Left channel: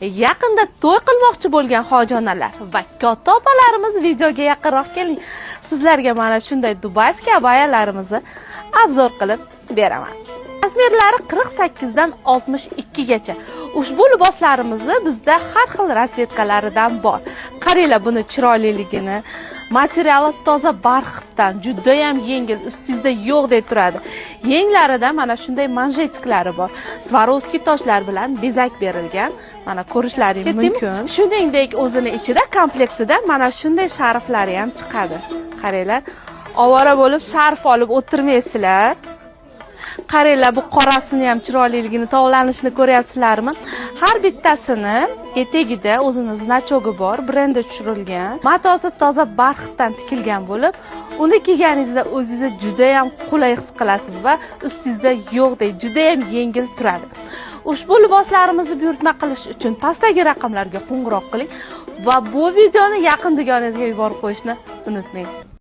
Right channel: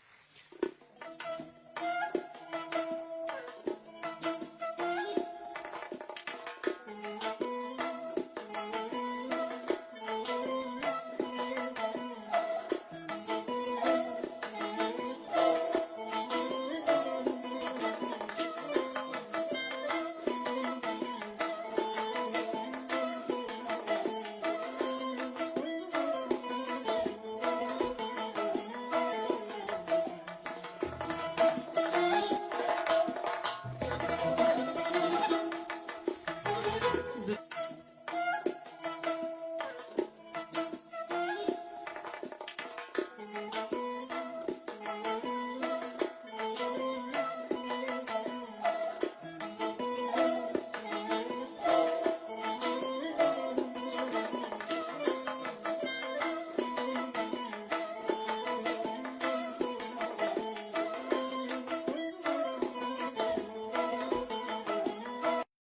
Yaqinda to'y qilmoqchi bo'lgan hojijonalar va katta opalarimiz videoga yaqinroq keling. Sizlarga mana shunday dubayskiy abayalarimizni obzor qilib beraman. Razmerlari 48 dan 62 gacha. Ushbu liboslarimizni bizda har xil rasvetkalaridan bor. Qaranglar buni chiroyliligini, materiali toza barxitdan, juda ham yengil, ustingizda yo'q deb turadi. Yenglarida mana shunday manjetiklari bor. Swarovski toshlar bilan bezak berilgan. Mana ko'rishlaring mumkin. Shuningdek, o'zini ichida komplektida mana shunday sharflari ham chiqadi. Qaranglar, ovora bo'lib sharf olib o'tirmaysizlar. Qaranglar, bu qorasini ham chiroyliligini, tovlanishini ko'ryapsizlarmi? Har bittasini etagida o'zini znachogi bor, brendi tushirilgan. Matosi toza barxitdan tikilgan bo'lib, uni kiyganingizda o'zingizni juda ham qulay his qilasiz va ustingizda yo'qdek juda ham yengil turadi. Ushbu liboslarimizni buyurtma qilish uchun pastdagi raqamlarga qo'ng'iroq qiling va bu videoni yaqin dugonangizga yuborib qo'yishni unutmang.